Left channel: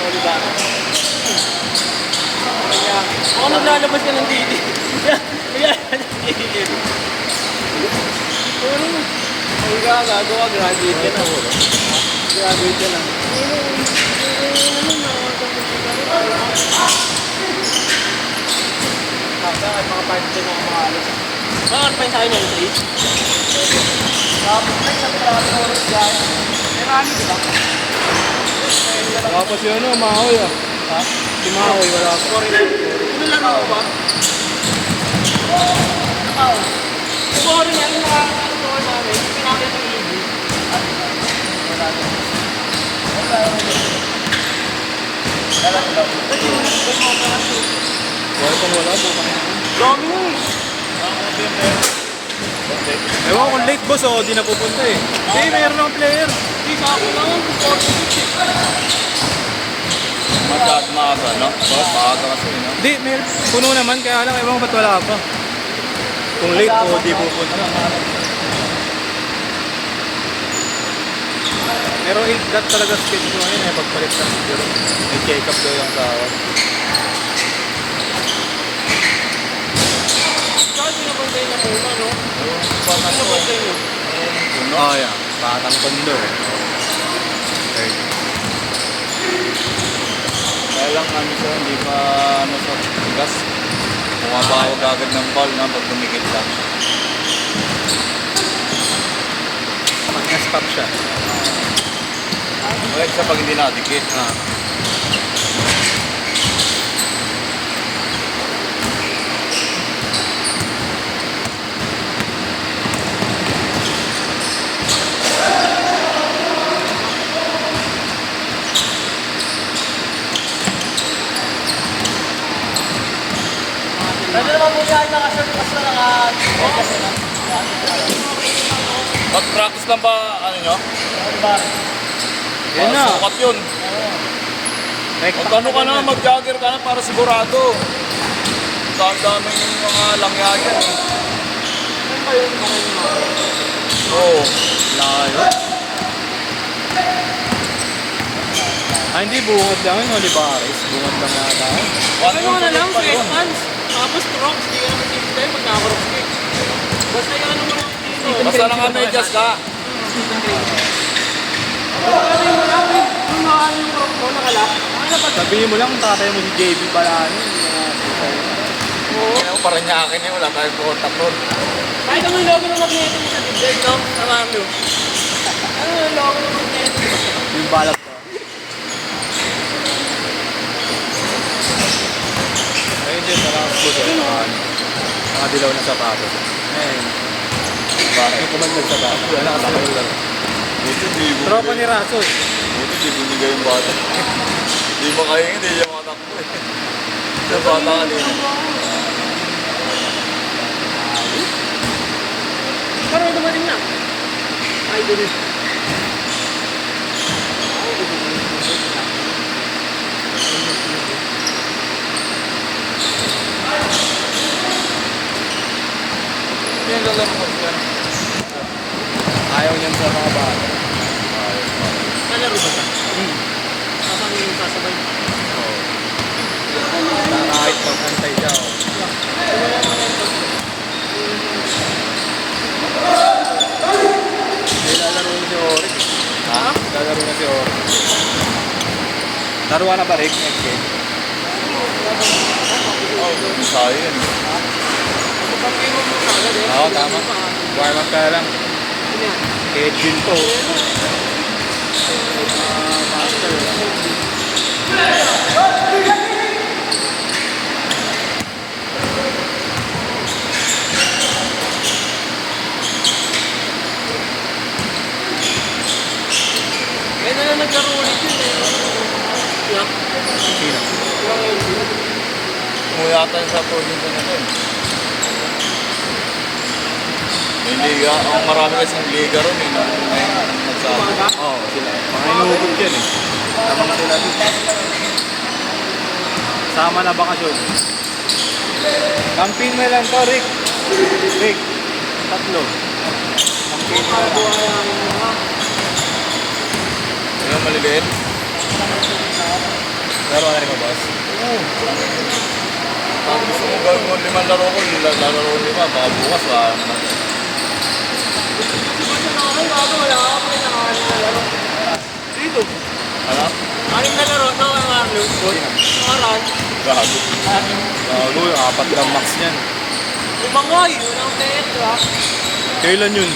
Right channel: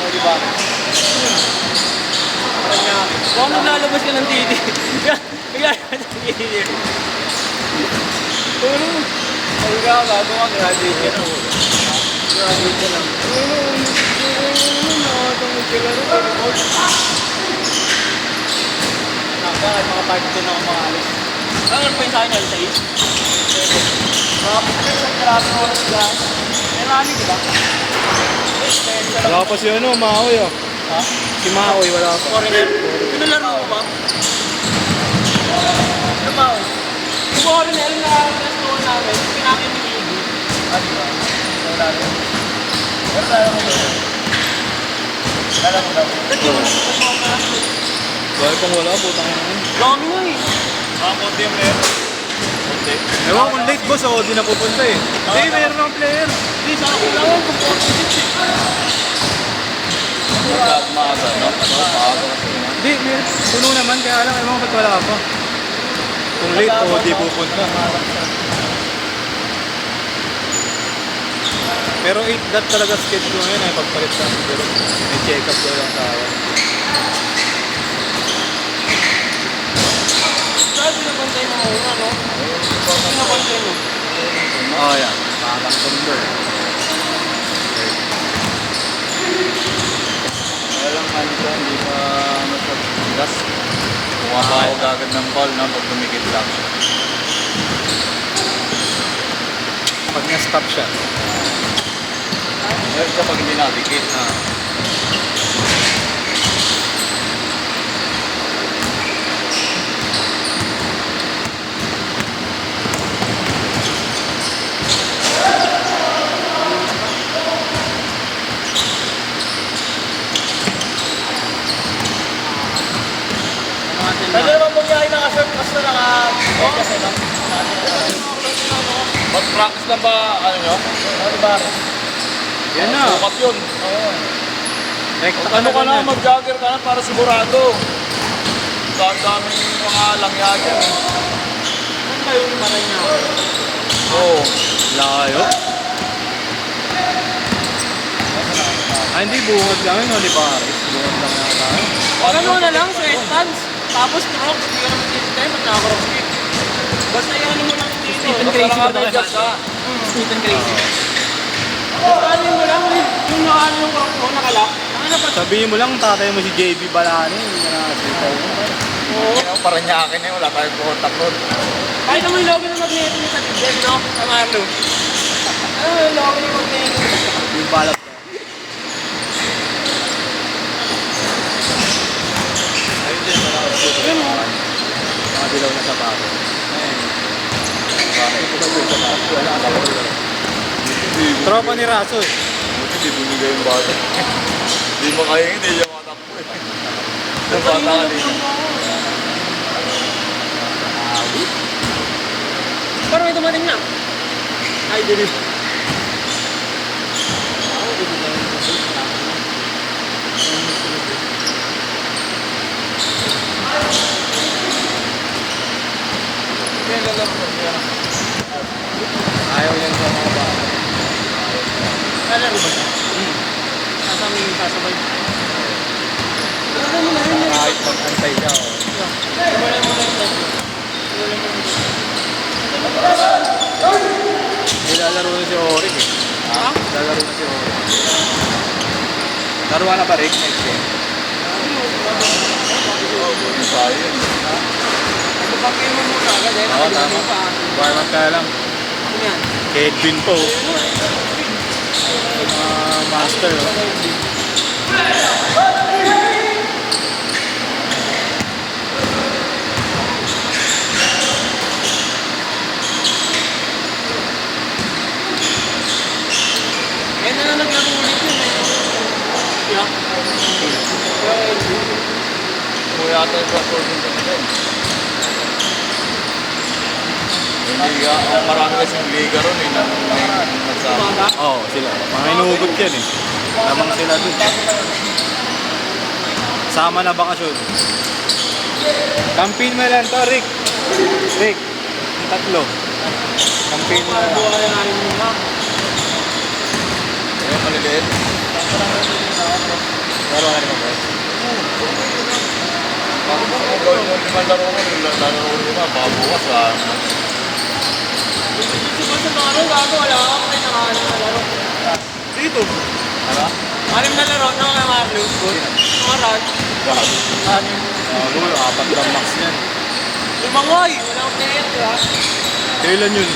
O, diba? Ako naglalabas ka ng TV. Bigla ka ng TV. Sabi ka, gago ka, graduate ka na. Graduate ka na. Bakit mga party ko na mga alis? Bakit pa yung sa akin yung trees? Wala pa si ano, Maoy ah. Ha? Si Maoy, wala pa. Sorry na. Ano laro mo ba? Ano ba? Siguro na rin na ano namin. Sinabi ng ibi. Ano ba? Wala ba? Ba't yung ba't mo ka lang? Wala kang wala, buta ka naman. Dami mo eh. Mga konti yung meron. Konti. Ewan kung late boss ako, di na pupunta eh. Hindi, mayroon ng player. Hindi sa akin lang yan. Kung 46 eh. Hindi, puno naman, kaya ano, ewan ko ba't wala pa. Kung late o di pupunta. Pero 8 dot talaga schedule ngayon eh, pagpalit sa siguro. May check-up ko lang sa akin. Saan pinabantay na muna, no? Pinabantay mo. Ah, yan. Parang tondo eh. Kaya lang ano ko, hindi pa nasabas. Bumabawag agad ng ball na pag tumikit lang. Pag na-stop siya. Like siya pag hindi nakadikit. Pwede naman mo niya naka-surplus na naka-surplus na. Mag-practice lang ba, ano nyo? Ano ba? Yun na. Sukat yun. Rekta Ano ka na, ganun. mag-jogger ka na para sigurado. Daming mga langya dyan eh. Oo. Lang kayo. Ah, hindi bungod lang yun, Olivares. Bungod lang yata. Ano na lang, sweatpants. Tapos crocs. Hindi ka naman dito tayo pag naka-crocs eh. Basta yan mo lang dito. Basta naka-medyas ka. Stephen Gracie. Ano mo lang eh. Yung nakalat. Sabihin mo lang, tatay mo si JB pala ano. Kaya parang niya akin eh, wala tayong contact road. Kahit naman yung logo ng magneto mo sa bigay, no? Sa Marlo. Ano yung logo ng magneto mo? Yung balak ko. Ayun din, malakas ko. Mga dilaw na sapatos. Ngayon. Bakit ko mag-yung sapatos? Wala ka na dilaw. Tropa ni Rasos. Buti di binigay yung bata. Di mo kaya hindi yung anak mo eh. Yung bata kanina. Pero ito maling na. Ay, dulis. Yan lalaro mo siya. Ayaw niyan sa mga bata. Kalaro ba siya? Sasang sasabay. Kahit mag-antay siya. Oh. May lalaro na si Orik eh. Ha? Lalaro na si Orik. Laruan na ba Rick? Tayo yun. Pag-iwan mo na agad eh. Oo, tama. Warm up ka lang. Ano yan? Edwin po. Master. Kaya na lang naglaro ulit yun eh. Yeah. Yung Edwin. Umuwi ata sa province nila eh. Yung liga, ang marami kasing liga ron eh, nung may nagsabi. Oo, sila. Mga inuugod yan eh. Tamang sila dito. Sama na bakasyon. Campaign mo lang to, Rick. Rick. Tatlo. Campaign mo lang. Yung ulit. Wala ka rin mabas. Kung gawin mo 5 laro ko, lalaro 5, baka bukas wala naman. Dito. Ano? Anong nalaro? No, kay Mario. Maral. Gago. Gago, 4 lang max yan. Umangoy. Wala akong tenit, ha? Kailan yun?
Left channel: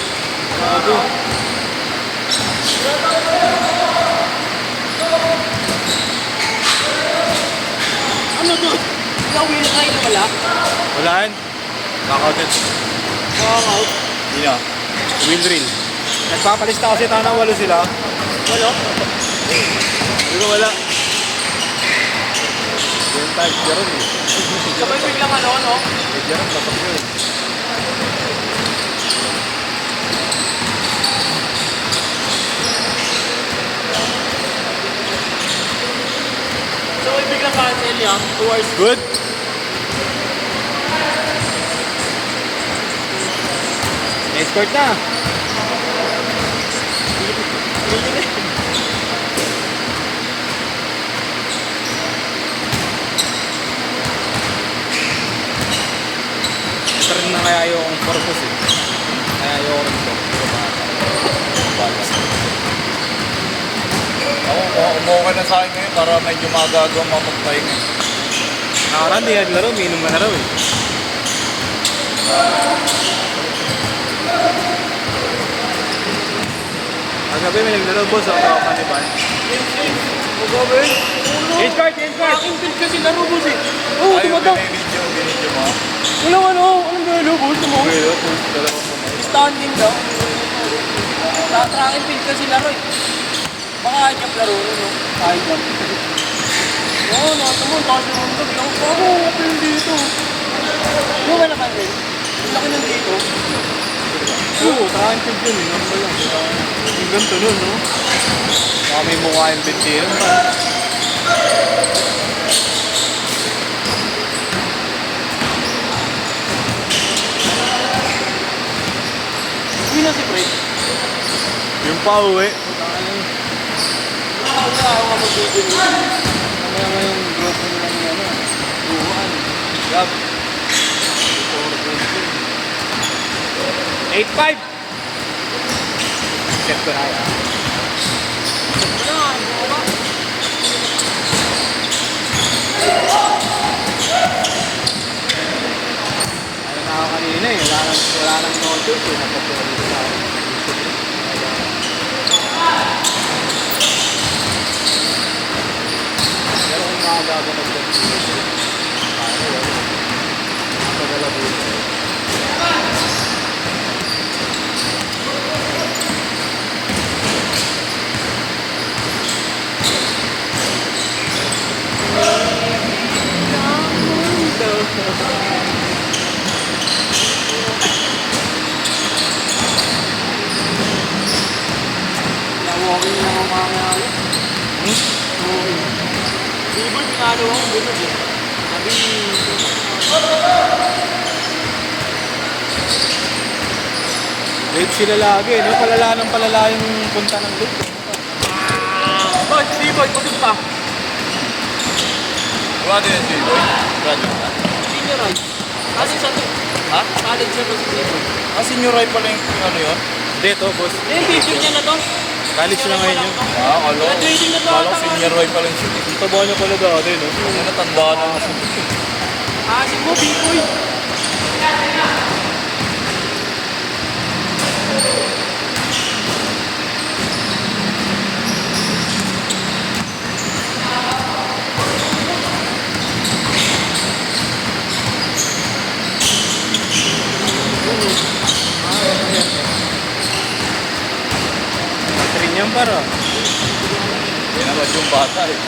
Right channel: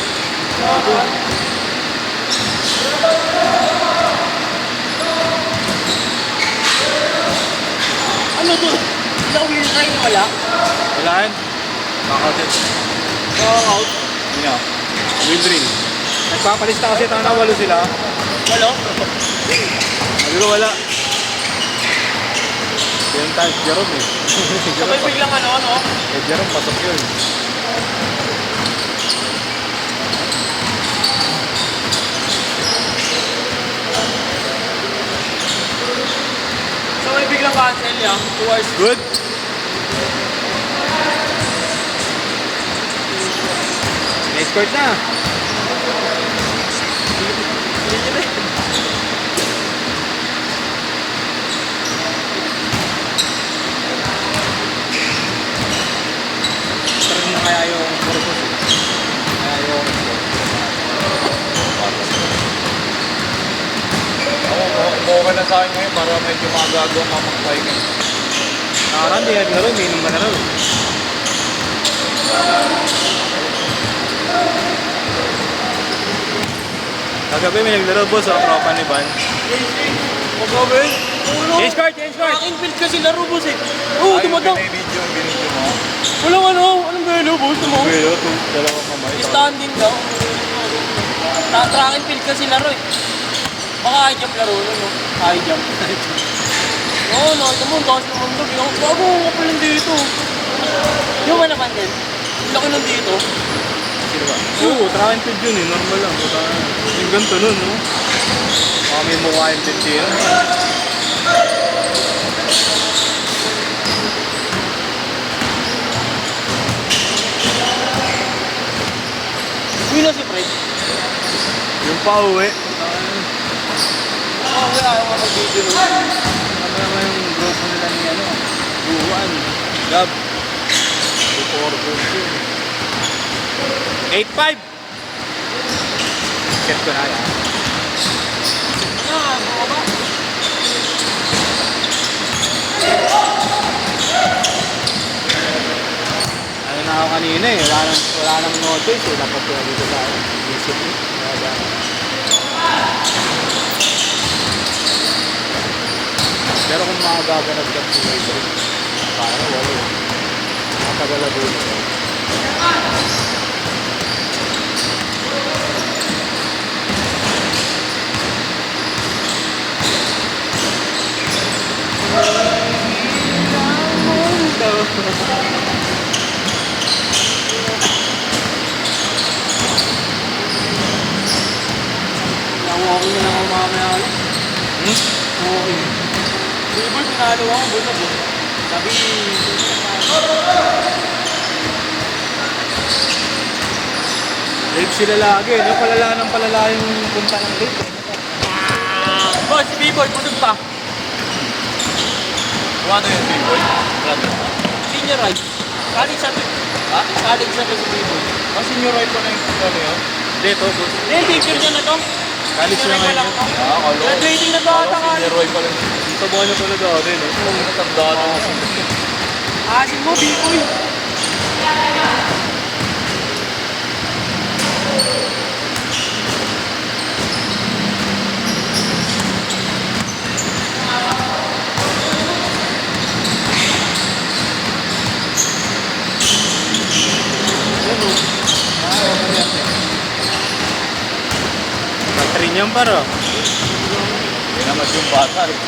Gago. Ano to? Nauwi kayo na wala? Wala yan. Knockout. Knockout. Hindi na. Will drill. Nagpapalista kasi tayo na 8 sila. Wala. Sabi ko wala. Yan tayo, Jerome eh. Sabay biglang ano? Jerome, pasok yun. Sabay biglang cancel niya. 2 hours. Good. Expert na. Parang na kaya yung purpose eh. Kaya yung Umuha ka na sa akin ngayon para medyo magagawa ang pahinga. hindi naglaro, minum na laro eh. Kagabi may naglaro boss at Paniban. Mag-over. Change card! Aking build kasi laro boss eh. Oo, Ayaw, tumatak. binidyo mo. Walang ano. Anong gano boss? Pero, dalawang mamay. Standing daw. Tracking field kasi laro eh. Baka high-jump laro na no? High-jump. Oo, nakita mo. Tapos mo nung lang. Bago, ako yung dito. Ano ba natanggal? Ang laki ng dito. Oo, tracking tube yun eh. Normal lang. Yung ganito nun, no? Baka may mukha yung 50 yan. Uwi na si Fred. Yung pa-uwi. Wala ako kapag-video nila. Tama naman yung growth mo nila ni ano. Buwan. Gab. 8-5. Set ko na yan. Ano, bumaba. Ano na kanina eh. Wala nang notice eh. Napatuloy ko na. Pero kung makagaganap ka dito. Di ba, tinalo ako, busog eh. Sabi, Late sila lagi, no? Palala ng palala yung punta ng late. Eh. bakit si B-Boy, busog ka? Ano yun, B-boy? Senior right. Kasi sa ha? College na to si B-Boy. Senior right pa na yung ano yun? Dito, boss. Hindi, picture niya na to. College Senior lang right pa lang ngayon. to. Graduating na to ata ka. Senior right pa lang siya. Ang taba niya talaga, ano yun, no? Kung natagbahan ako sa Asin mo, B-Boy. Rin yan para. Kinamad yung bata eh.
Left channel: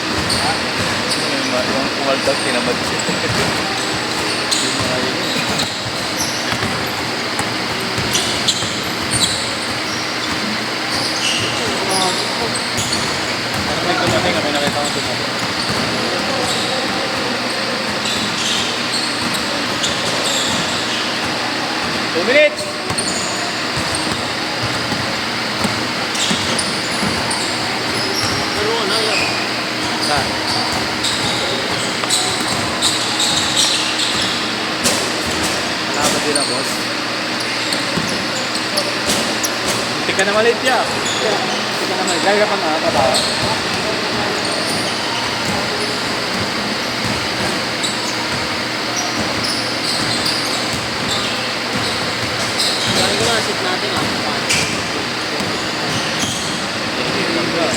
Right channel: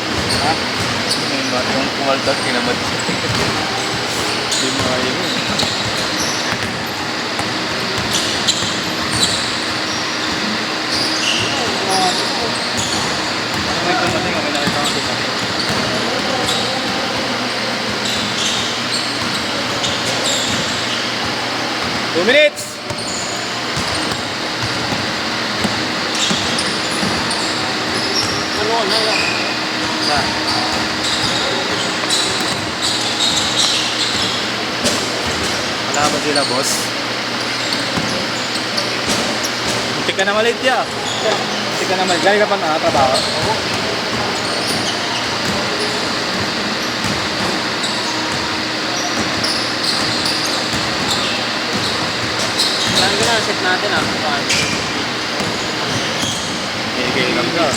Yung kumaldag, kinamad siya. Hindi mo kaya yun. Ano may tumating? May nakita kong tumating. Two minutes! Puro Na. Wala ba sila, boss? Hindi ka na malit ya. Hindi ka na malit. Gaya ka pa nakapatawa. Yan ko na, set natin ah. Paano? Okay lang ba?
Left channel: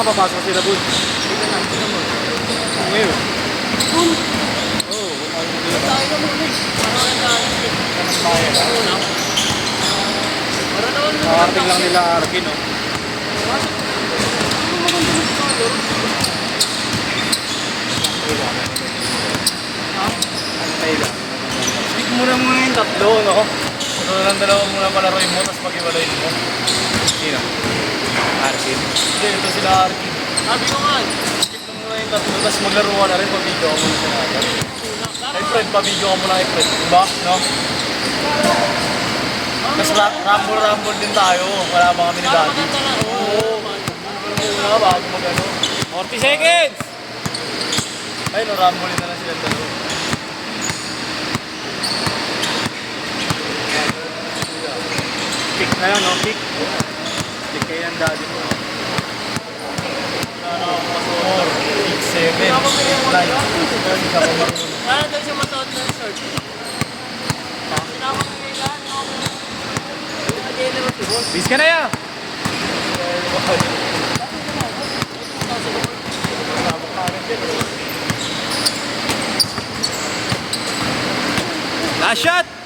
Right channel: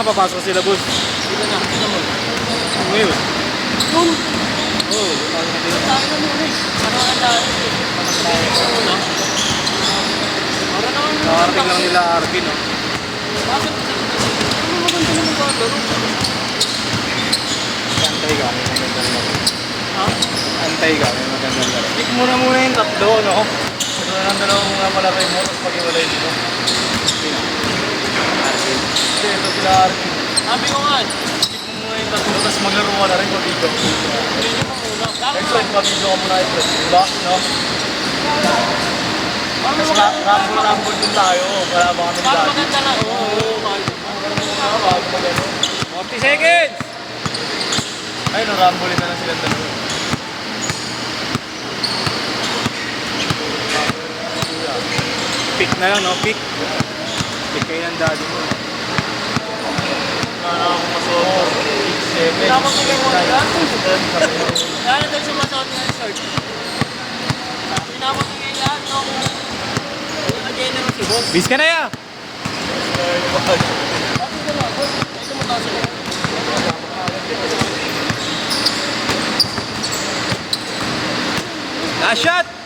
Papasok sila, boss. Ngayon. Yun! Oo, wala ko na Tayo mo ulit. Ano ang daan? Sabihin mo muna. Para naman nakarating lang nila Arkin, no? Antay ka. Antay ka. Speak mo na muna yung tatlo, no? Ito na lang dalawang muna palakay mo, tapos pag-iwalay mo. Sino? Arkin. Hindi, ito sila Arkin. Sabi ko nga. Speak mo muna yung tatlo, tapos maglaro ka na rin, pag-video mo. Ito, pag-video mo na ito. Diba? No? Tapos ramble din tayo. Wala ba kami ni Para Daddy? maganda lang. Oo. 40 seconds! Ay, narambulin na lang silang dalawa. Pick na lang, no? Pick. Pick kayo ng daddy mo. Tapos ko yung mga Kaya doon siya masuot na yung short. Bis ka na yan! Last shot!